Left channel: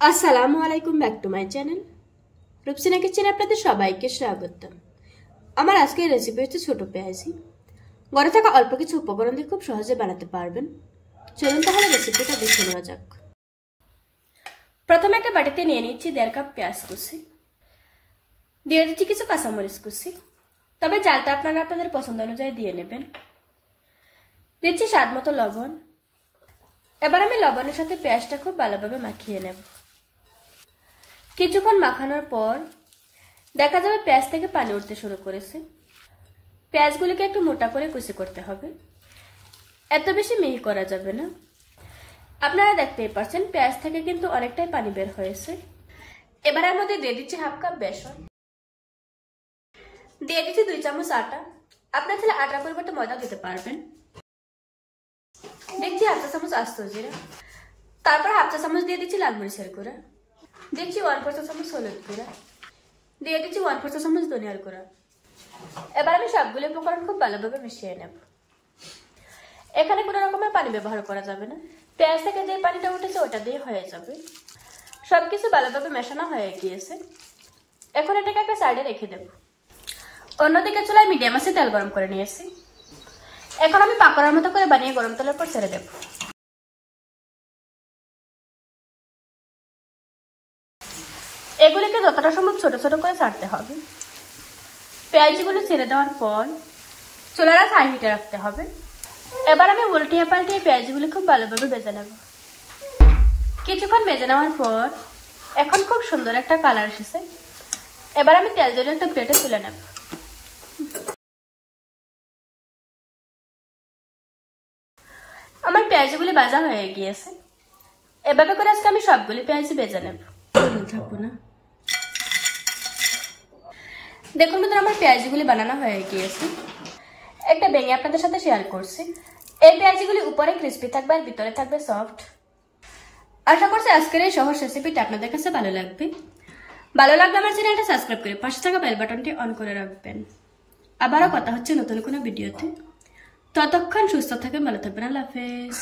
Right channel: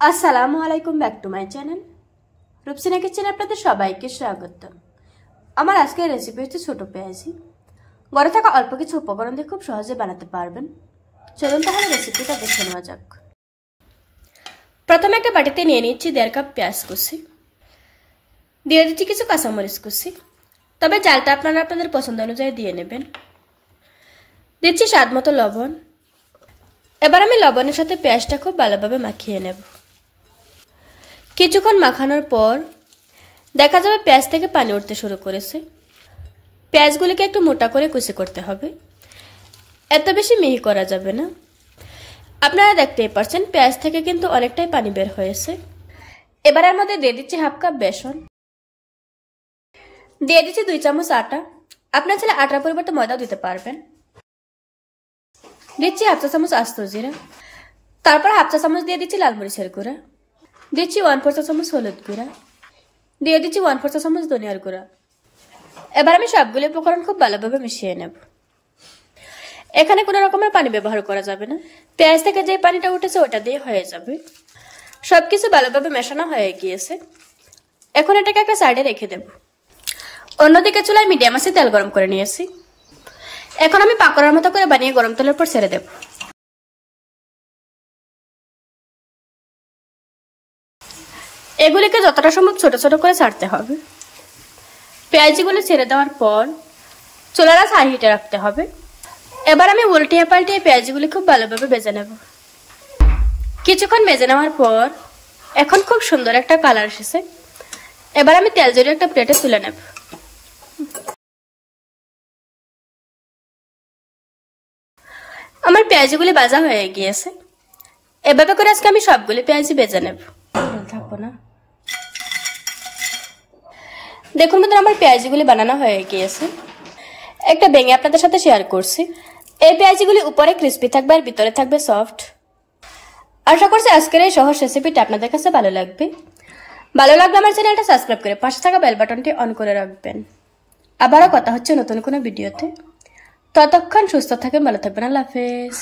আসসালামু আলাইকুম, back to my channel Rupsina কিচেনে আপনাদের সবাইকে স্বাগতম। আমার আজকের রেসিপি হচ্ছে ছোট পেঁয়াজি। ঘরে থাকা অল্প কিছু উপকরণ দিয়ে খুব সহজে বানাতে পারবেন। চলুন তাহলে রেসিপিটা দেখে নেওয়া যাক। প্রথমে একটা বাটিতে নিয়ে নিচ্ছি 1.5 কাপ পেঁয়াজ কুচি, দিয়ে দিচ্ছি কিছু কাঁচামরিচ কুচি, তবে চালটা আপনারা আপনাদের পছন্দ অনুযায়ী দিয়ে নেবেন। দিচ্ছি স্বাদ মতো লবণ। এবার আমি লবণের সাথে পেঁয়াজটা খুব ভালোভাবে মাখিয়ে নেব। কিছুক্ষণ মাখানোর পর দেখা যাবে পেঁয়াজ থেকে পানি উঠতে শুরু করেছে। পেঁয়াজগুলিকে একটু মোটা করে কুচি করতে হবে, এত বেশি মিহি করা যাবে না। আপনারা দেখতেই পাচ্ছেন পেঁয়াজ থেকে কিন্তু অনেকটাই পানি বের হয়েছে। এবার এর মধ্যে দিয়ে দিচ্ছি 1/2 কাপ বেসন, দিয়ে দিচ্ছি 2 চামচ আটা। আপনার ছেলে আটার পরিবর্তে ময়দাও দিতে পারবেন। দিচ্ছি 1/2 চা চামচ আস্ত জিরা, তারপর 1/2 চা চামচ দিয়ে দিচ্ছি লাল মরিচের গুঁড়া, দিচ্ছি 1/4 চা চামচ হলুদ গুঁড়া, দিয়ে দিচ্ছি 1/4 চা চামচ ধনিয়ার গুঁড়া। এবার আমি সবগুলো উপকরণ খুব ভালোভাবে মিশিয়ে নেব। এখানে কোনো রকমের পানি ব্যবহার করা যাবে না, পেঁয়াজ থেকে যে পানিটা উঠেছে ওটা দিয়ে হয়ে যাবে। সবকিছু ভালোভাবে মেশানো হয়ে গিয়েছে। এখন এটাকে একটা সাইডে রেখে দেব। অন্যদিকে চুলায় মিডিয়াম আঁচে তেল গরম করে নিয়েছি। এখন আমি পাকোড়ার মতো করে বানিয়ে গরম তেলের উপর ছেড়ে দেব। এগুলিকে যতটা সম্ভব ছোট ছোট করে ছাড়তে হবে। পেঁয়াজগুলো ছেড়ে দেওয়ার পর চুলার আঁচ হাই হিটে রাখতে হবে। এবার আমি উল্টিয়ে পাল্টিয়ে পেঁয়াজগুলি খুব ভালোভাবে ভেজে নেব। কিছুক্ষণ ভেজে নেওয়ার পর এখন খুব সুন্দর একটা কালার এসেছে। এবার আমি তেল জড়িয়ে একটা প্লেটে তুলে নেব। আমার পেঁয়াজগুলি ভাজা হয়ে গিয়েছে। এভাবে করে আজকে আমি সবগুলি পেঁয়াজি ভেজে নেব। থাকবো না, দেখুন বন্ধুরা আমার পেঁয়াজিগুলি বানানো হয়ে গিয়েছে। একটা ভেঙে আপনাদের সাথে শেয়ার করছি। এই পেঁয়াজিগুলি উপরে ক্রিস্পি থাকবে আর ভিতরে থাকবে সফট। আশা করছি আজকের এই সহজ রেসিপিটা আপনাদের কাছে ভালো লাগবে। ভালো লাগলে আমার চ্যানেলটা সাবস্ক্রাইব করে পাশে থাকা বেল বাটনটি অন করে রাখবেন। আবারও কথা হচ্ছে নতুন কোনো ভিডিওতে। ততক্ষণ সুস্থ থাকেন, ভালো থাকবেন। আল্লাহ হাফেজ।